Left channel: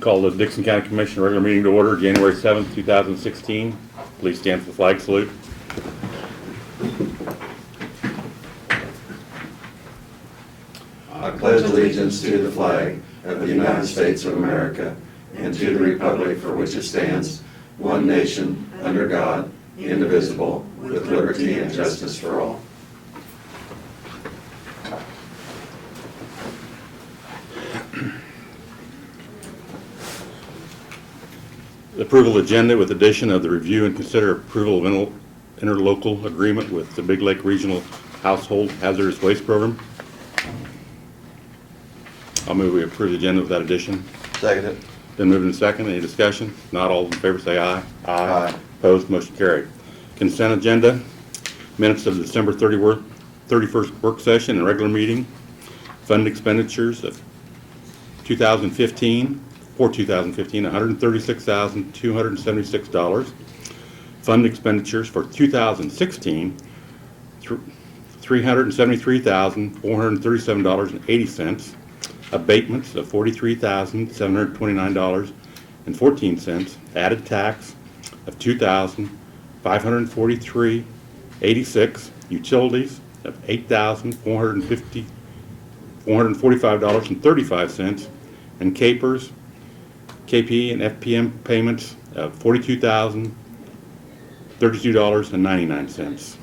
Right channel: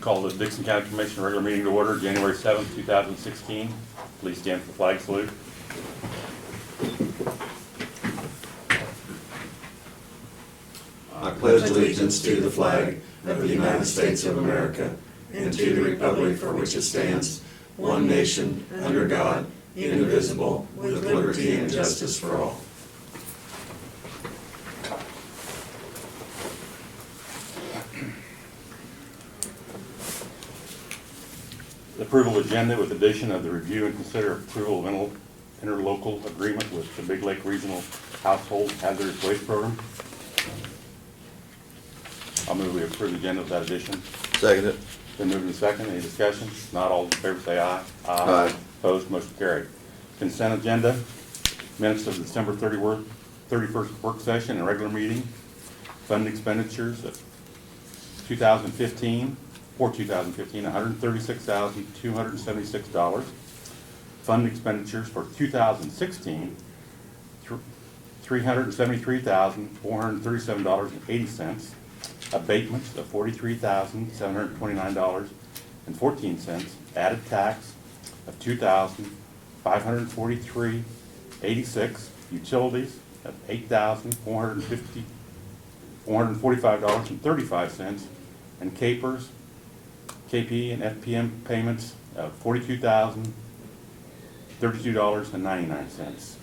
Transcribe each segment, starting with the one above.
Call the Dixon County Commission regular meeting to order, January 7th, 2016. Please stand for the flag salute. I pledge allegiance to the flag of the United States of America and to the republic for which it stands, one nation, under God, indivisible, with liberty and justice for all. The approval agenda with addition of the review and consider approval of interlocal agreement with the Big Lake Regional Household Hazardous Waste Program. I'll move we approve the agenda with that addition. Second it. Been moved and second. Any discussion? Not all in favor say aye. Aye. Opposed, motion carried. Consent agenda, minutes of December 31st work session and regular meeting, fund expenditures of 2015, $136,276. Fund expenditures for 2016, $373,437.80. Abatements of $43,729.14. Added tax of $2,543.86. Utilities of $8,445.35. And KP and FPM payments of $42,032.99.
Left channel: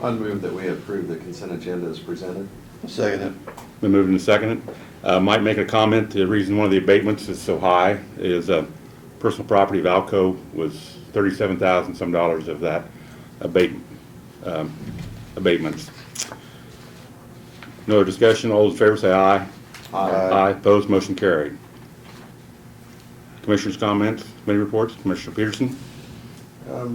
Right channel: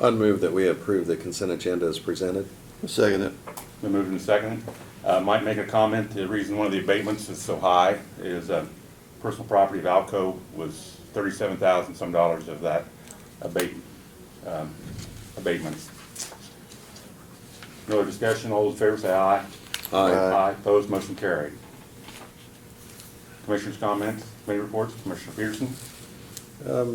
I'd move that we approve the consent agenda as presented. Second it. Been moved and seconded. Might make a comment. The reason one of the abatements is so high is personal property of Alco was $37,000 some dollars of that abatements. No other discussion. All those in favor say aye. Aye. Aye. Opposed. Motion carried. Commissioners' comments, committee reports. Commissioner Peterson.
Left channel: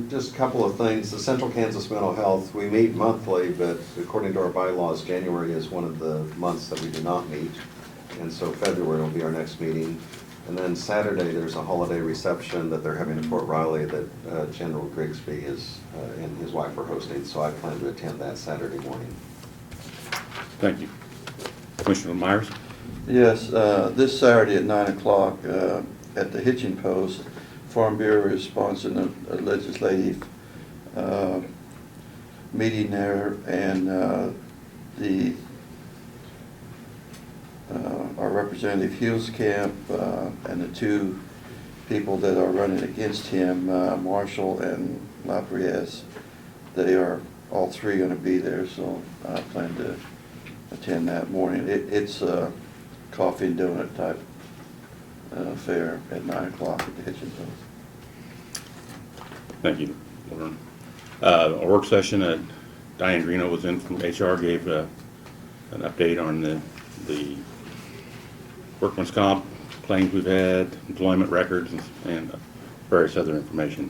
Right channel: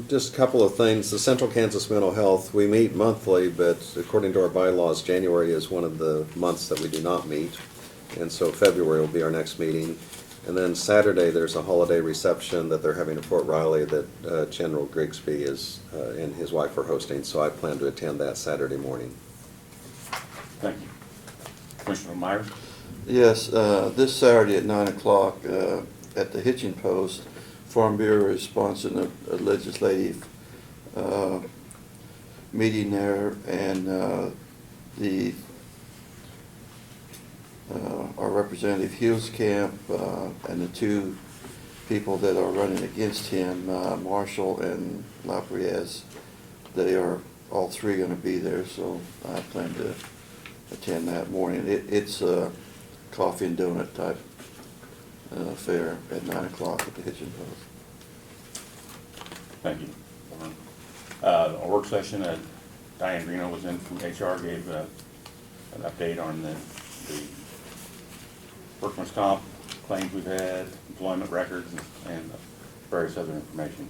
Just a couple of things. The Central Kansas Mental Health, we meet monthly, but according to our bylaws, January is one of the months that we do not meet. And so February will be our next meeting. And then Saturday, there's a holiday reception that they're having at Fort Riley that General Grigsby and his wife are hosting. So I plan to attend that Saturday morning. Thank you. Commissioner Myers. Yes, this Saturday at 9 o'clock at the Hitching Post, Farm Bureau is sponsoring a legislative meeting there, and our Representative Huelskamp and the two people that are running against him, Marshall and Lapierre, they are all three going to be there, so I plan to attend that morning. It's a coffee and donut type fair at 9 o'clock at the Hitching Post. Thank you. A work session, Diane Greeno was in from HR, gave an update on the workman's comp claims we've had, employment records, and various other information.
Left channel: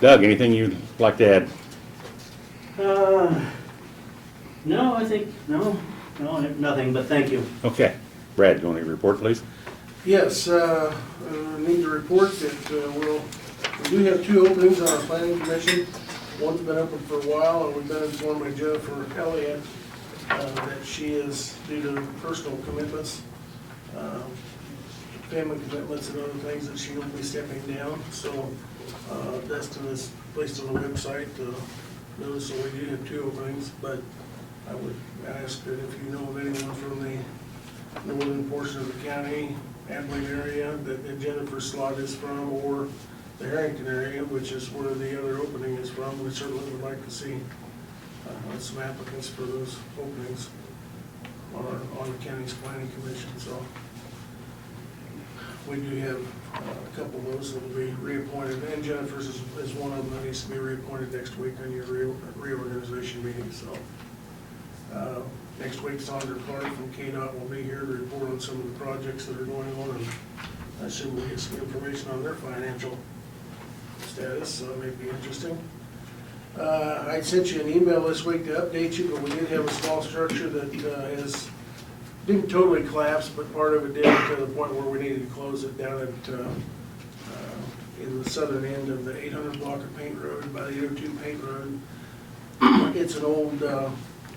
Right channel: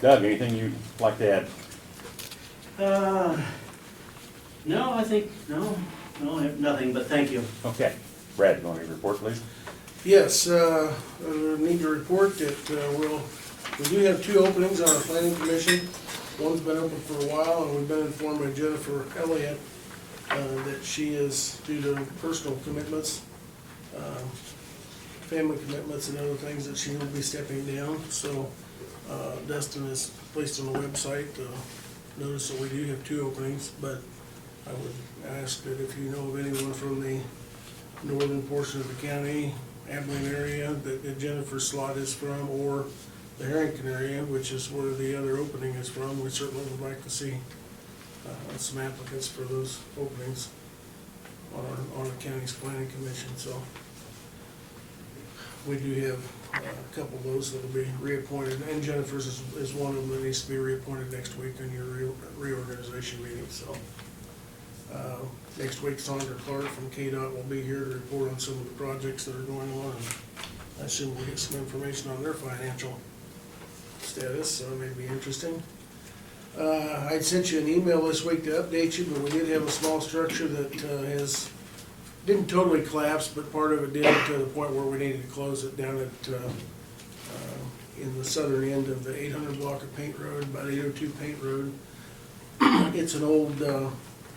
Doug, anything you'd like to add? No, I think, no, nothing, but thank you. Okay. Brad, you want to report, please? Yes, I need to report that we do have two openings on our planning commission. One's been open for a while, and we've been informed by Jennifer Elliott that she is, due to personal commitments, family commitments and other things, that she will be stepping down. So Dustin has placed on the website notice that we do have two openings, but I would ask that if you know of anyone from the northern portion of the county, Abilene area, that Jennifer's slot is from, or the Harrington area, which is where the other opening is from, we certainly would like to see some applicants for those openings on the county's planning commission. So we do have a couple of those that will be reappointed, and Jennifer's is one of them that needs to be reappointed next week on your reorganization meeting. So next week, Sandra Clark from KDOT will be here to report on some of the projects that are going on, and I assume we'll get some information on their financial status, so it may be interesting. I sent you an email this week to update you, but we did have a small structure that didn't totally collapse, but part of it did to the point where we needed to close it down at in the southern end of the 800 block of Paint Road, about 802 Paint Road. It's an old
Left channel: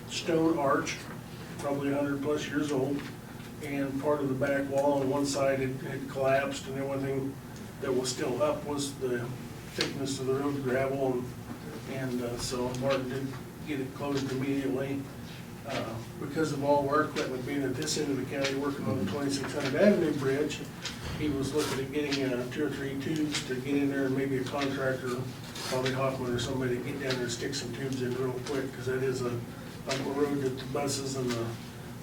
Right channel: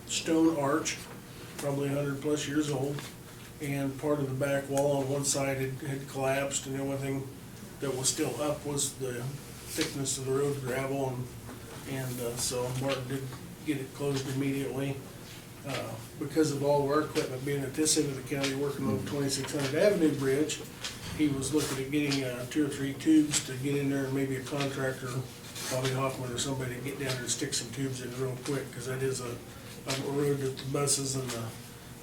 stone arch, probably 100+ years old, and part of the back wall on one side had collapsed, and the only thing that was still up was the thickness of the road gravel, and so Martin did get it closed immediately. Because of all of our equipment being at this end of the county working on the 2600 Avenue Bridge, he was looking at getting 2 or 3 tubes to get in there, and maybe a contractor, probably Hoffman or somebody, to get down there and stick some tubes in real quick, because that is a road that the buses and the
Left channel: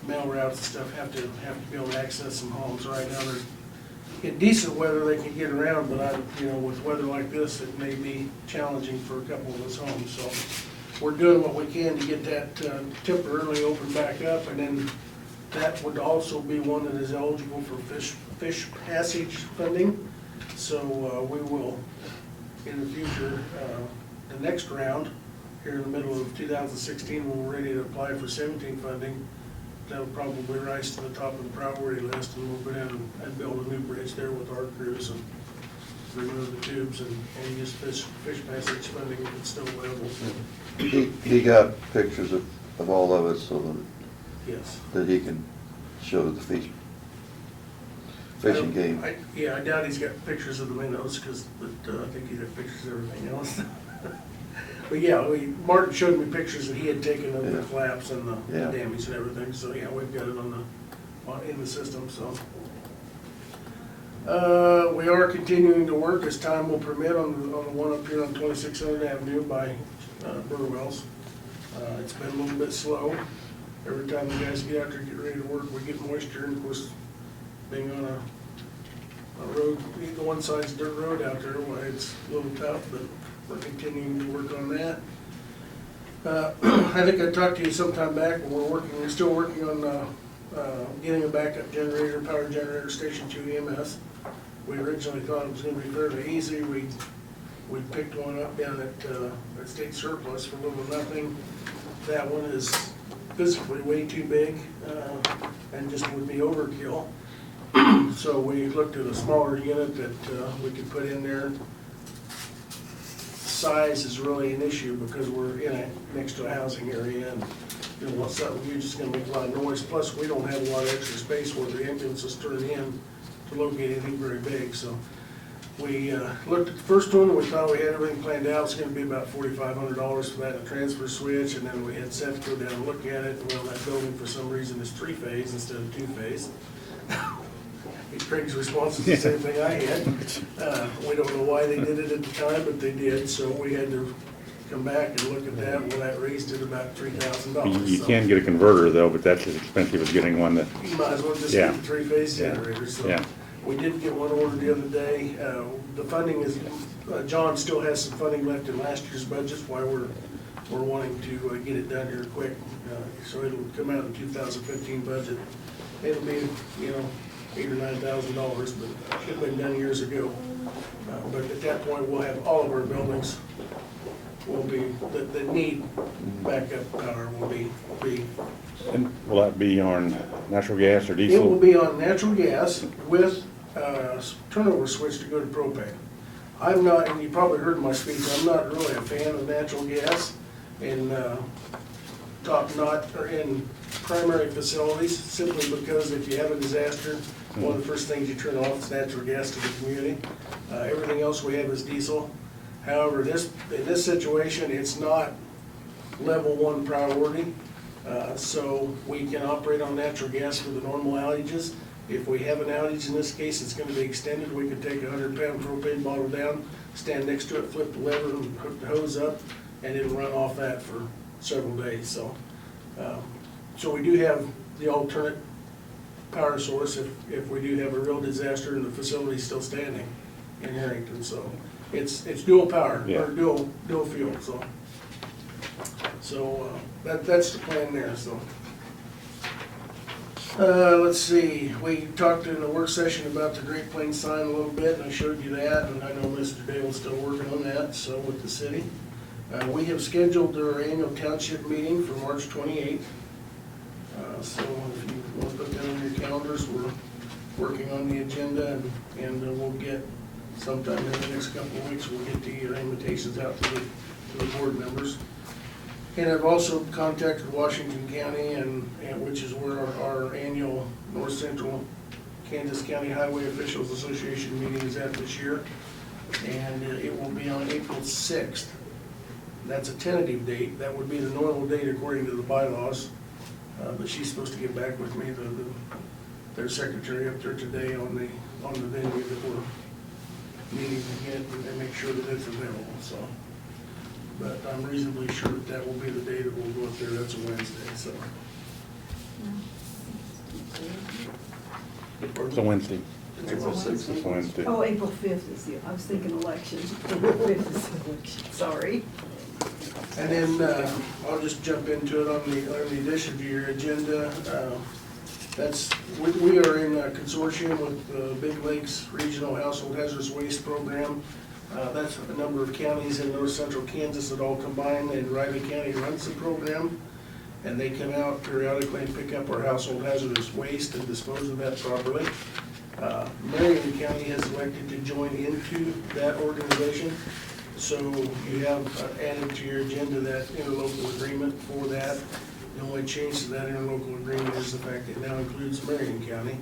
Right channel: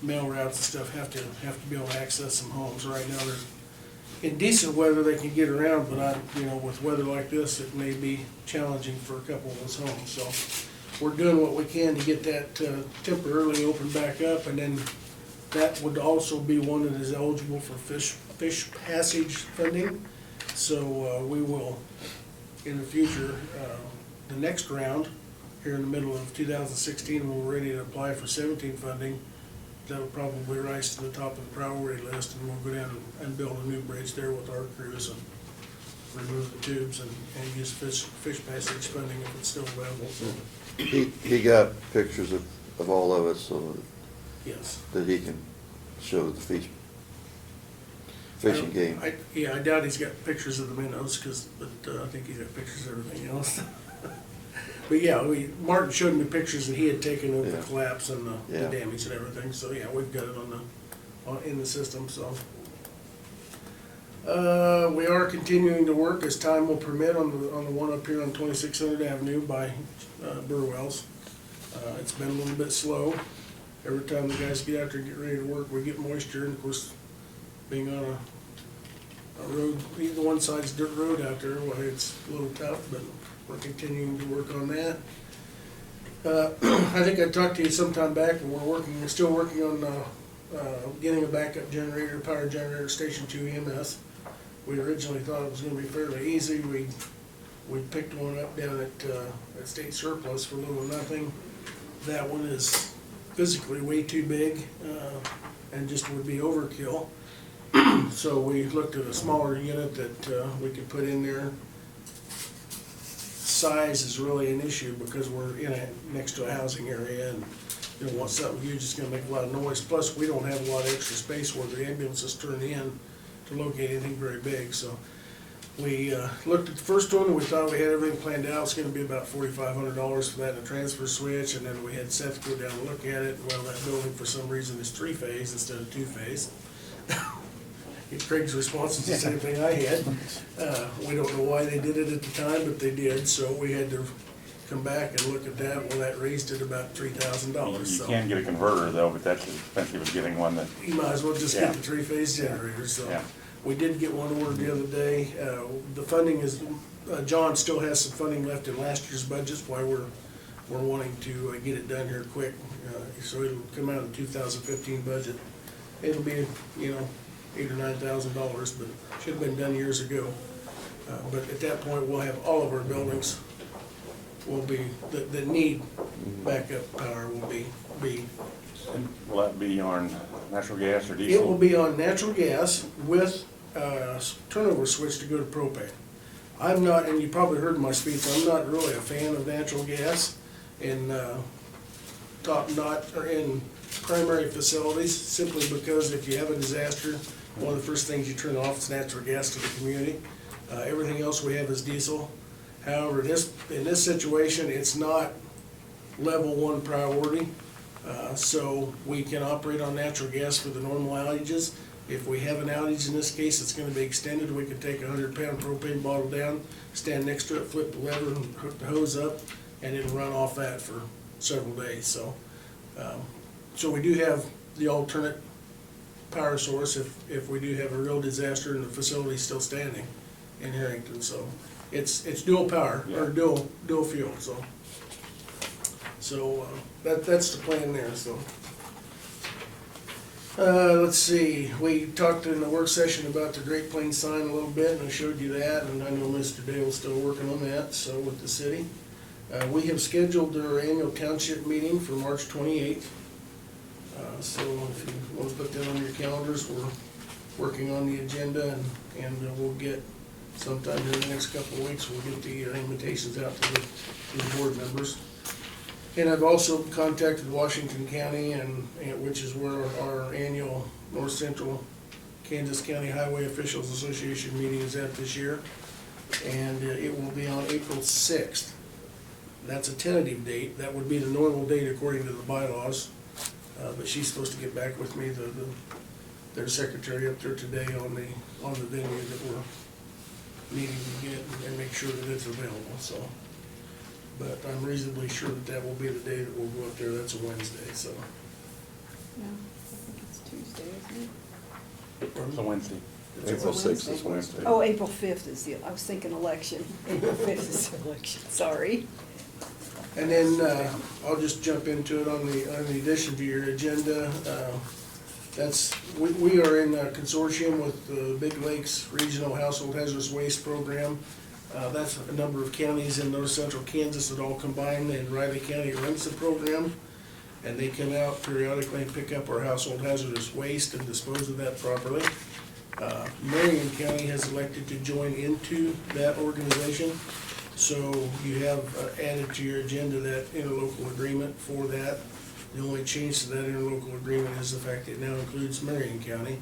mail routes and stuff have to be able to access some homes. Right now, they're in decent weather, they can get around, but with weather like this, it may be challenging for a couple of us homes, so we're doing what we can to get that temporarily opened back up, and then that would also be one that is eligible for fish passage funding. So we will, in the future, the next round, here in the middle of 2016, when we're ready to apply for 17 funding, that'll probably rise to the top of the priority list, and we'll go down and build a new bridge there with our crews and remove the tubes and use fish passage funding if it's still available. So, He got pictures of all of it so yes. that he can show the fishing game. I doubt he's got pictures of the minnows, but I think he's got pictures of everything else. But yeah, Martin showed me pictures that he had taken of the Yeah. collapse and the Yeah. damage and everything, so yeah, we've got it in the system, so. We are continuing to work as time will permit on the one up here on 2600 Avenue by Burwell's. It's been a little bit slow. Every time the guys get out there and get ready to work, we get moisture, and of course, being on a road, the one side's dirt road out there, well, it's a little tough, but we're continuing to work on that. I think I talked to you sometime back, but we're still working on getting a backup generator, power generator, Station 2 EMS. We originally thought it was gonna be fairly easy. We picked one up down at State Surplus for little or nothing. That one is physically way too big, and just would be overkill. So we looked at a smaller unit that we could put in there. Size is really an issue because we're next to a housing area, and we don't want something huge that's gonna make a lot of noise. Plus, we don't have a lot of extra space where the ambulances turn in to locate anything very big. So we looked at the first one, and we thought we had everything planned out. It's gonna be about $4,500 for that, and a transfer switch, and then we had Seth go down and look at it. Well, that building for some reason is 3-phase instead of 2-phase. Craig's response was the same thing I had. We don't know why they did it at the time, but they did, so we had to come back and look at that. Well, that raised it about $3,000. You so can get a converter though, but that's as expensive as getting one that, you might as well just Yeah. get the 3-phase generator, so. Yeah. We did get one ordered the other day. The funding is, John still has some funding left in last year's budget, why we're wanting to get it done here quick. So it'll come out in the 2015 budget. It'll be, $8,000 or $9,000, but should have been done years ago. But at that point, we'll have all of our buildings will be, that need backup power will be. and will that be on natural gas or It will diesel? be on natural gas with a turnover switch to go to propane. I'm not, and you probably heard my speech, I'm not really a fan of natural gas in or in primary facilities, simply because if you have a disaster, one of the first things you turn off is natural gas to the community. Everything else we have is diesel. However, in this situation, it's not level 1 priority. So we can operate on natural gas for the normal outages. If we have an outage, in this case, it's gonna be extended, we can take a 100-pound propane bottle down, stand next to it, flip the lever, and hook the hose up, and it'll run off that for several days, so. So we do have the alternate power source if we do have a real disaster and the facility's still standing in Harrington, so. It's dual power, Yeah. or dual fuel, so. So, that's the plan there, so. Let's see, we talked in the work session about the Great Plains sign a little bit, and I showed you that, and I know Mr. Dale's still working on that, so with the city. We have scheduled our annual township meeting for March 28th. So if you want to put that on your calendars, we're working on the agenda, and we'll get, sometime in the next couple of weeks, we'll get the invitations out to the board members. And I've also contacted Washington County and which is where our annual North Central Kansas County Highway Officials Association meeting is at this year. And it will be on April 6th. That's a tentative date. That would be the normal date according to the bylaws. But she's supposed to get back with me, their secretary up there today on the venue that we're needing to get and make sure that it's available, so. But I'm reasonably sure that that will be the day that we'll go up there. That's a Wednesday, so. It's a Wednesday. April 6th It's Wednesday. Oh, April 5th is I was thinking election. April 5th is election, sorry. And then, I'll just jump into it on the addition to your agenda. We are in a consortium with Big Lakes Regional Household Hazardous Waste Program. That's a number of counties in North Central Kansas that all combine, and Riley County runs the program. And they come out periodically and pick up our household hazardous waste and dispose of that properly. Marion County has elected to join into that organization. So you have added to your agenda that interlocal agreement for that. The only change to that interlocal agreement is the fact that it now includes Marion County,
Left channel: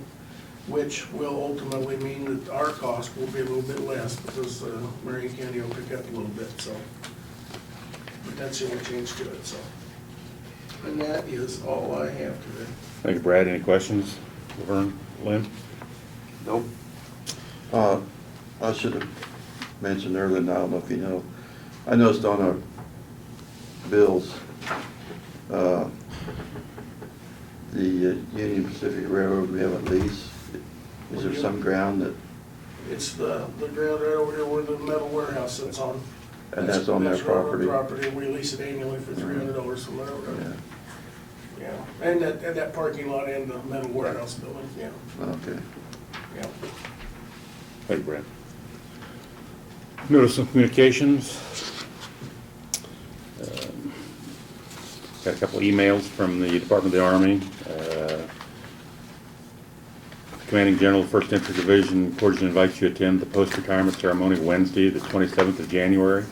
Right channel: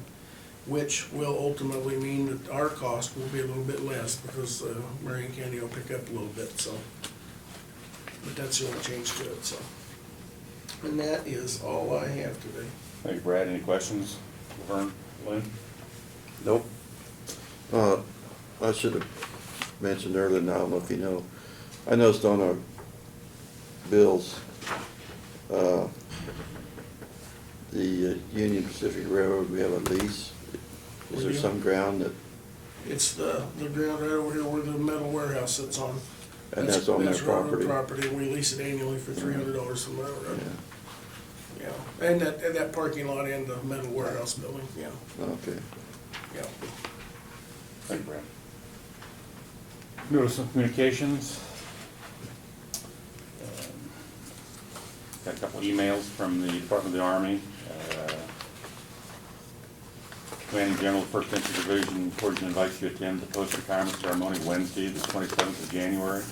which will ultimately mean that our cost will be a little bit less because Marion County will pick up a little bit, so. But that's the only change to it, so. And that is all I have today. Thank you, Brad. Any questions? Laverne, Lynn? Nope. I should have mentioned earlier, and I don't know if you know, I noticed on our bills, the Union Pacific Railroad, we have a lease. Is there some ground that, It's the ground right over here where the metal warehouse sits on. and that's on their That's railroad property? property, we lease it annually for $300 from the Yeah, railroad. Yeah, and that parking lot and the metal warehouse building, yeah, okay. yeah. Thank you, Brad. Notice of communications. Got a couple of emails from the Department of the Army. Commanding General, 1st Infantry Division, cordially invites you to attend the post-retirement ceremony Wednesday, the 27th of January,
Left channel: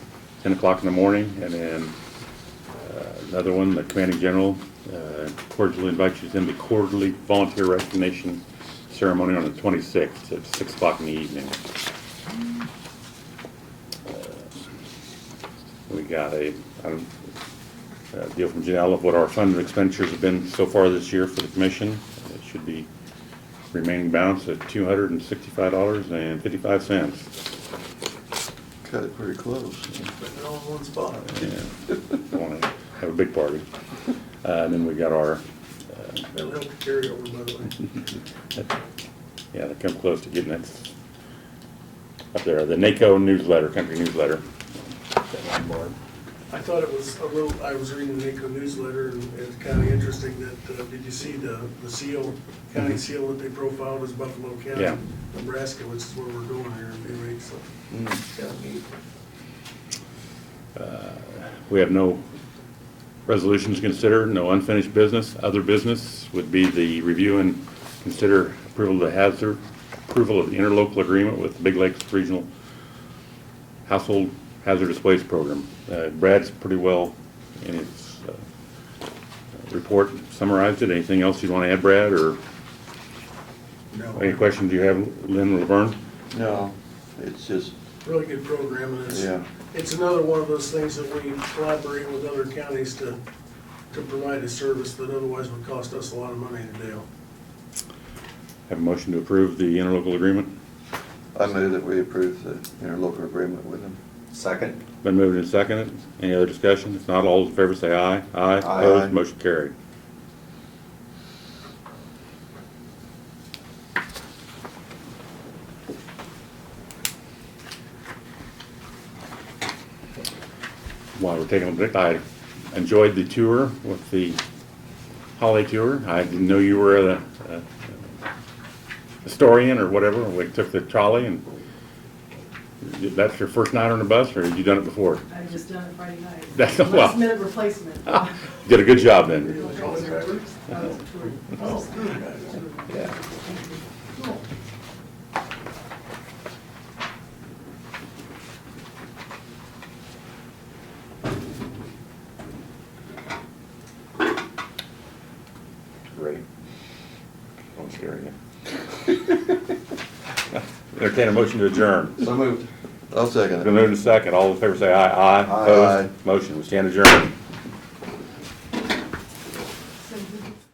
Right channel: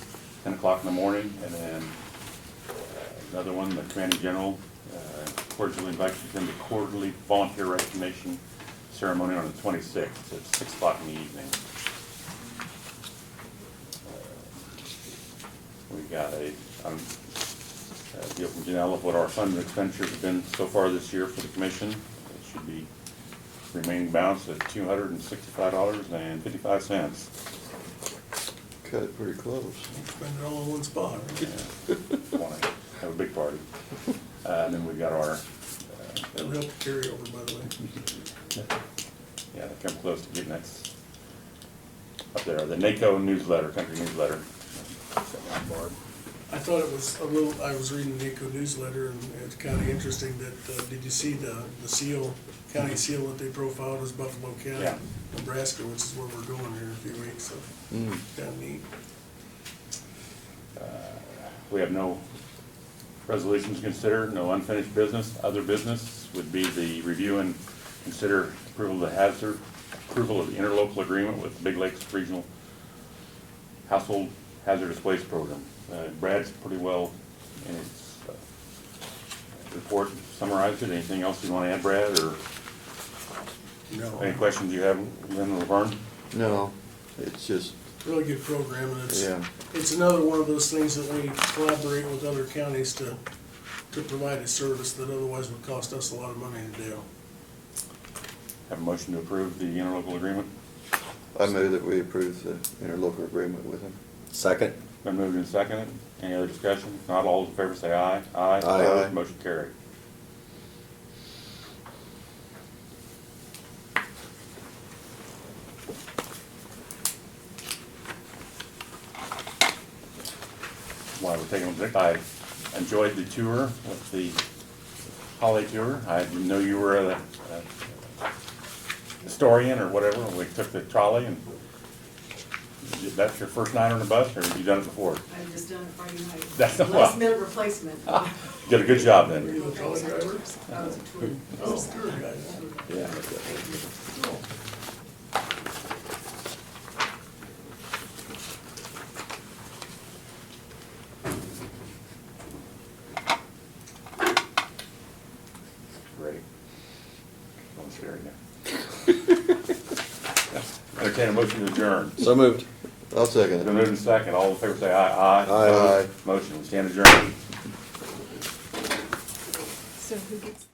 10 o'clock in the morning. And then another one, the Commanding General cordially invites you to attend the quarterly volunteer recognition ceremony on the 26th at 6 o'clock in the evening. We got a deal from Janelle of what our funded expenditures have been so far this year for the commission. It should be remaining balance at $265.55. Cut it pretty close. Spend it all in one spot. Want to have a big party. And then we got our, That'll help the carryover, by the way. yeah, they come close to getting it up there, the NACO newsletter, country newsletter. I thought it was a little, I was reading the NACO newsletter, and it's kind of interesting that, did you see the seal, county seal that they profiled was Buffalo County, Yeah. Nebraska, which is where we're going here in a few weeks, so, Mm. kind of neat. We have no resolutions to consider, no unfinished business. Other business would be the review and consider approval of the interlocal agreement with Big Lakes Regional Household Hazardous Waste Program. Brad's pretty well in his report summarized it. Anything else you want to add, Brad, or No, any questions you have, Lynn or Laverne? No, it's just, really good program, and yeah, it's another one of those things that we collaborate with other counties to provide a service that otherwise would cost us a lot of money to do. Have a motion to approve the interlocal agreement? I move that we approve the interlocal agreement with them. Second? Been moved and seconded. Any other discussion? If not, all those in favor say aye. Aye. Aye. Opposed, motion carried. While we're taking a break, I enjoyed the tour with the holiday tour. I didn't know you were a historian or whatever. We took the trolley, and that's your first night on the bus, or had you done it before? I just done it Friday night. That's- well. Last minute replacement. Did a good job Are then. you a trolley driver? Oh, good. Yeah. scare you. Entertain a motion to adjourn. So moved. I'll second Been it. moved in second. All in favor say aye. Aye. Aye. Opposed? Motion, we stand adjourned. So who gets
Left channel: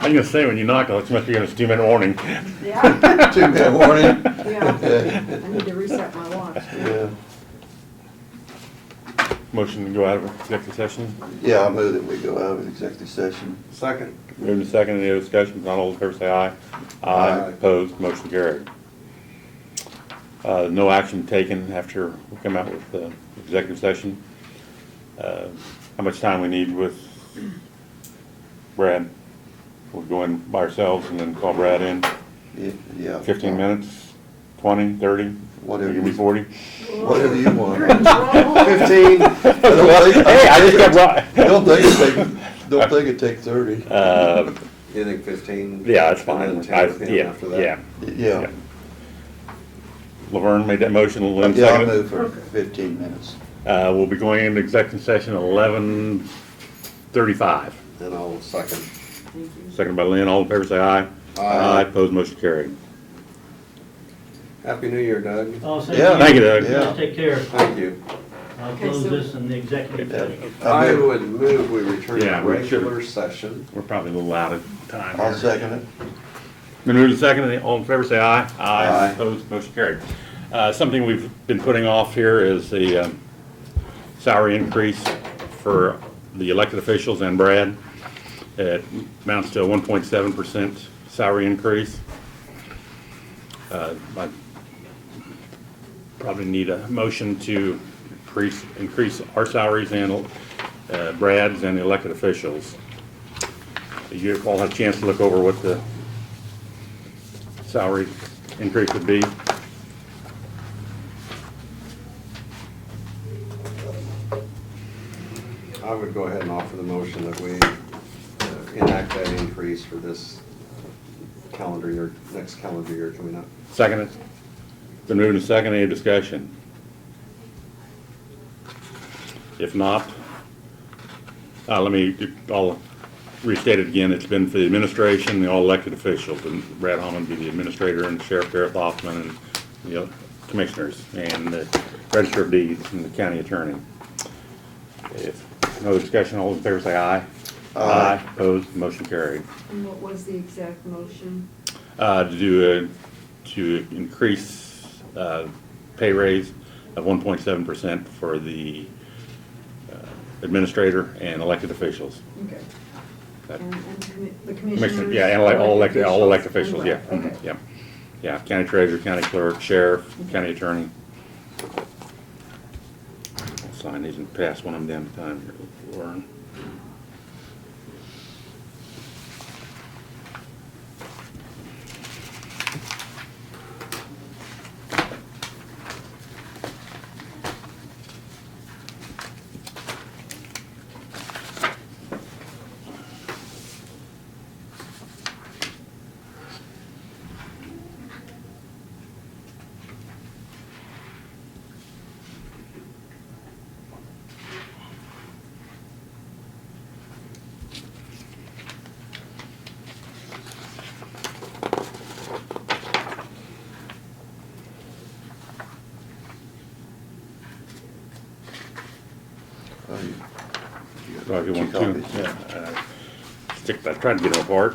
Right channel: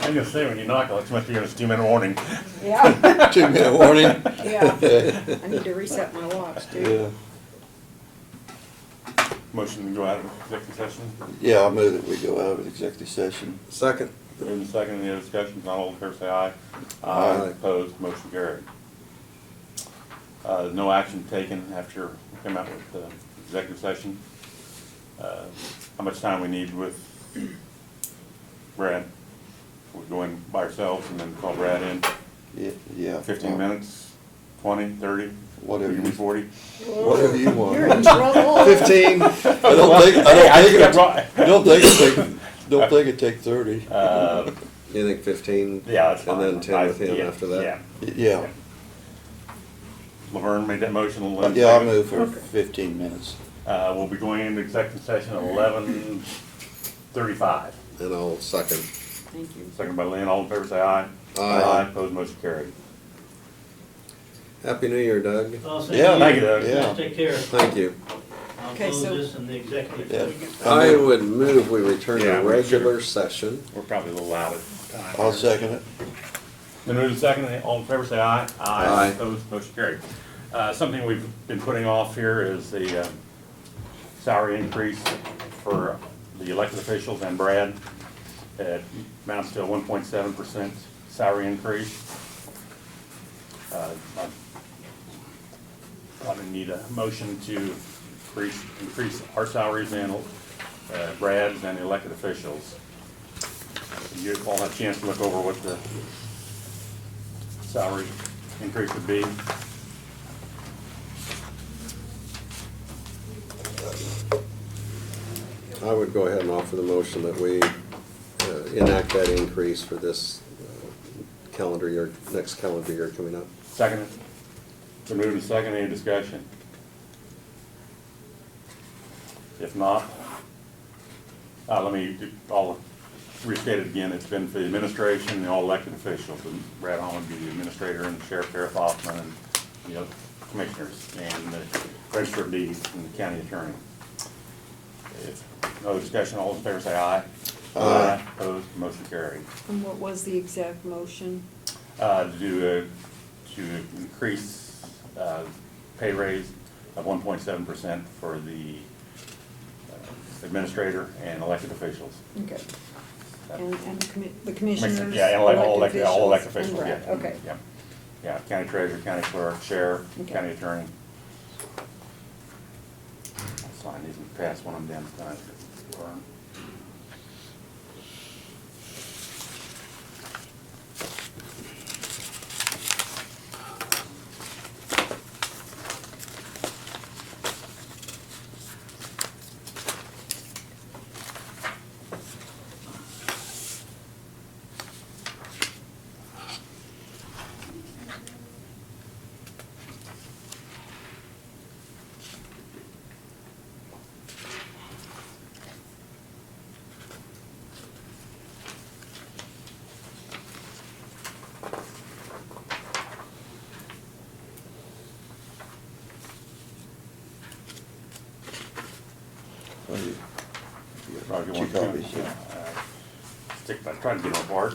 I'm gonna say, when you knock, it must be on a 2-minute warning. Yeah, 2-minute warning. yeah. I need to reset my watch. Yeah. Motion to go out of executive session. Yeah, I'll move that we go out of executive session. Second. Moved in second, any other discussion? Not all in favor say aye. Aye. Opposed, motion carried. No action taken after we come out with the executive session. How much time we need with Brad? We'll go in by ourselves and then call Brad in. Yeah. 15 minutes, 20, 30? Whatever Give me you- 40? Whatever you want. You're in trouble. 15. I don't think, Hey, I think I'm right. don't think it'd take 30. You think 15? Yeah, that's fine. And then 10 with him Yeah, after that? Yeah. Yeah. Laverne made that motion, Lynn Yeah, I'll seconded. move for 15 minutes. We'll be going into executive session at 11:35. And I'll second. Thank you. Second by Lynn, all in favor say aye. Aye. Opposed, motion carried. Happy New Year, Doug. Oh, Yeah. Thank you, Doug. Yeah. Take care. Thank you. I'll Okay, close so- this in the executive Yeah. session. I would move we return Yeah, to we regular should. session. We're probably a little out of time. I'll second it. Been moved and seconded, all in favor say aye. Aye. Opposed, motion carried. Something we've been putting off here is the salary increase for the elected officials and Brad. It amounts to a 1.7% salary increase. I probably need a motion to increase our salaries and Brad's and the elected officials. You all had a chance to look over what the salary increase would be. I would go ahead and offer the motion that we enact that increase for this calendar year, next calendar year coming up. Second it. Been moved and seconded. Any discussion? If not, I'll restate it again. It's been for the administration, the all elected officials, and Brad Holland be the administrator, and Sheriff Gareth Hoffman, and the commissioners, and the register of deeds, and the county attorney. If no other discussion, all in favor say aye. Aye. Opposed, motion carried. And what was the exact motion? To increase pay raise of 1.7% for the administrator and elected officials. Okay. That- And the commissioners? Yeah, and all elected officials, and yeah. rep, Okay. Yeah, yeah, county treasurer, county clerk, sheriff, Okay. county attorney. I'll sign these and pass one of them down time here, Warren. Oh, you So if you two want copies, to, yeah. stick, I tried to get them apart.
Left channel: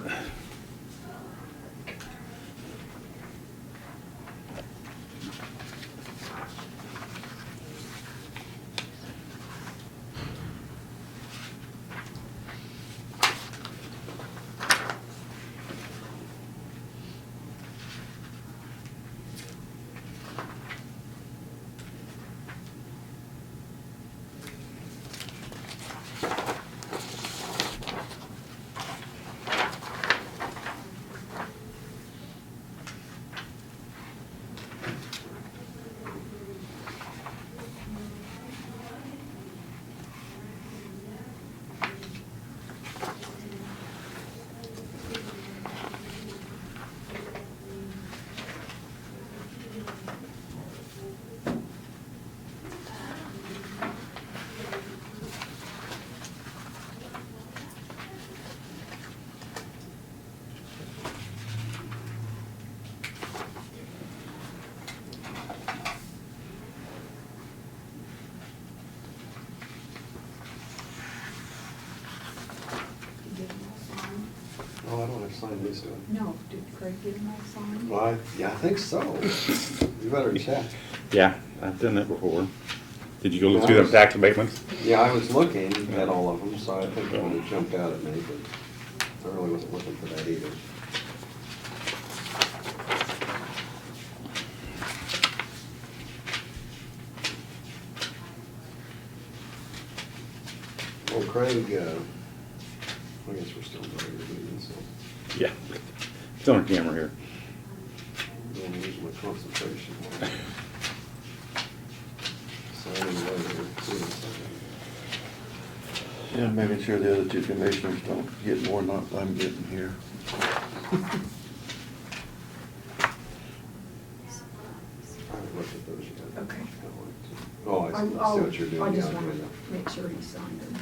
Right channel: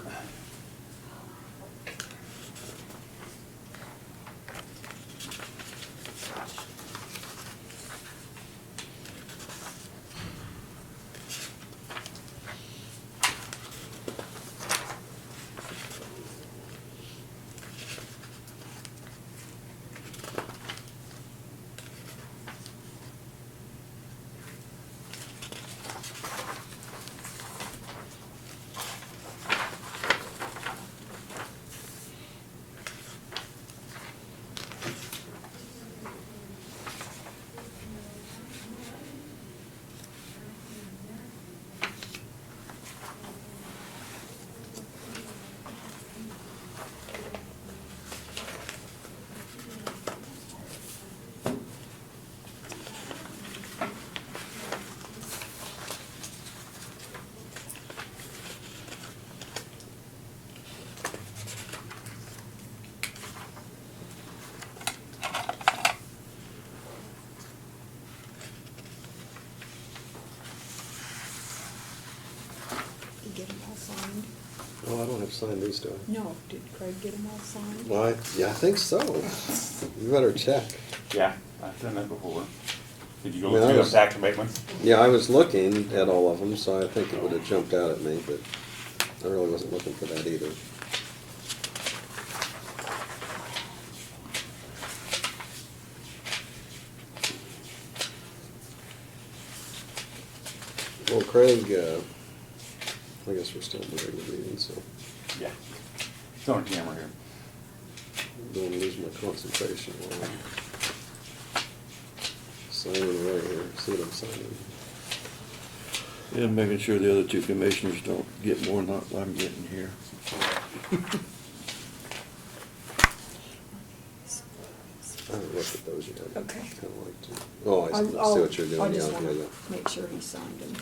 Did you get them all signed? Oh, I don't have signed these, do I? No, did Craig get them all signed? Why? Yeah, I think so. You better check. Yeah, I've done that before. Did you go Yeah, look I through them was- tax abatements? Yeah, I was looking at all of them, so I think it would have jumped out at me, but I really wasn't looking for that either. Well, Craig, I guess we're still doing the meeting, so Yeah. It's on camera here. I don't want to lose my concentration. Signing over here, see what I'm signing. And making sure the other two commissioners don't get more than I'm getting here. I haven't looked at those yet. Okay. Kinda like to- Oh, I see I'll- what you're doing, I yeah, just yeah, want yeah. to make sure he signed them.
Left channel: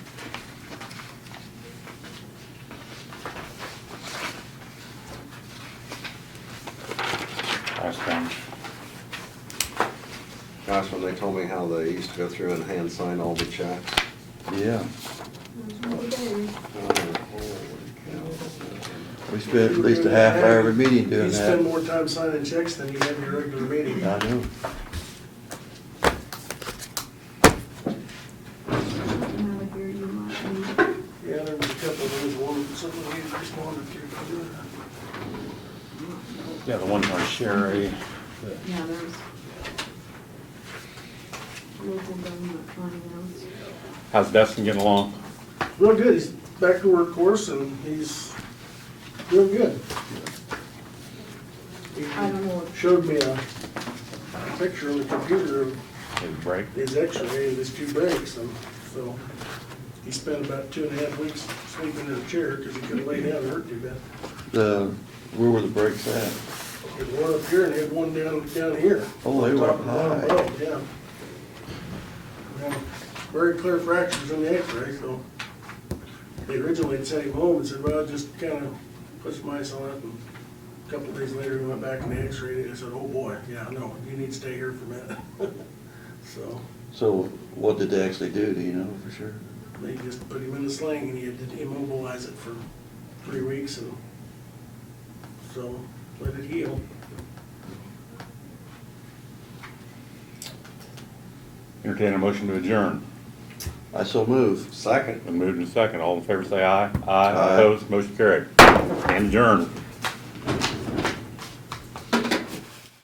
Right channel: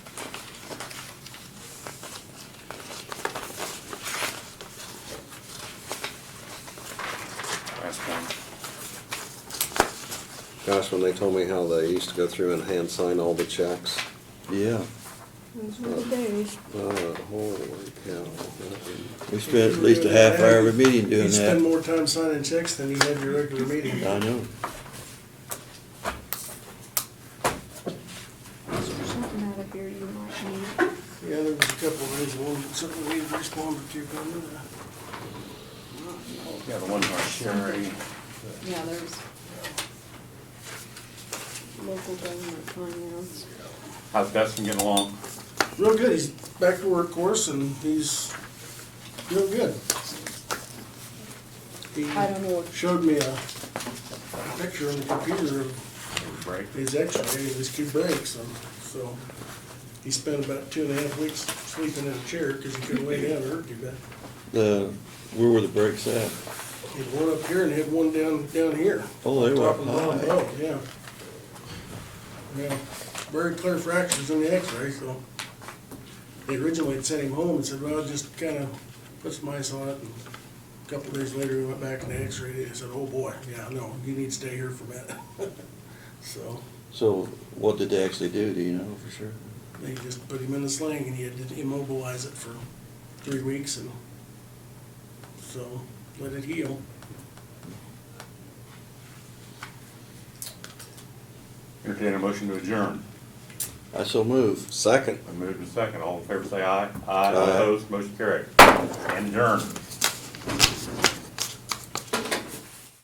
Last one. Gosh, when they told me how they used to go through and hand sign all the checks. Yeah, Those were the days. Oh, holy cow. we spent at least a half hour of a meeting doing You spend that. more time signing checks than you have your regular meeting. I know. Something out of here you might need. Yeah, there was a couple of those, something we responded to. Yeah, the one by Sherry. Yeah, there's local government finance. How's Dustin getting along? Real good, he's back to work course and he's real good. He I don't know what, showed me a picture on the computer of Big break? his x-ray of his two breaks, and so he spent about 2.5 weeks sleeping in a chair because he couldn't lay down, it hurt too bad. Where were the brakes at? He had one up here and he had one down here. Oh, they were Top and bottom high. bone, yeah. Yeah, very clear fractures in the x-ray, so they originally had sent him home and said, well, just kind of put some ice on it, and a couple of days later, he went back in the x-ray and they said, oh boy, yeah, no, you need to stay here for a minute. So, So what did they actually do? Do you know for sure? They just put him in a sling and he had to immobilize it for 3 weeks and so let it heal. Entertain a motion to adjourn. I so move. Second. Been moved and second. All in favor say aye. Aye. Opposed, motion carried. And adjourned.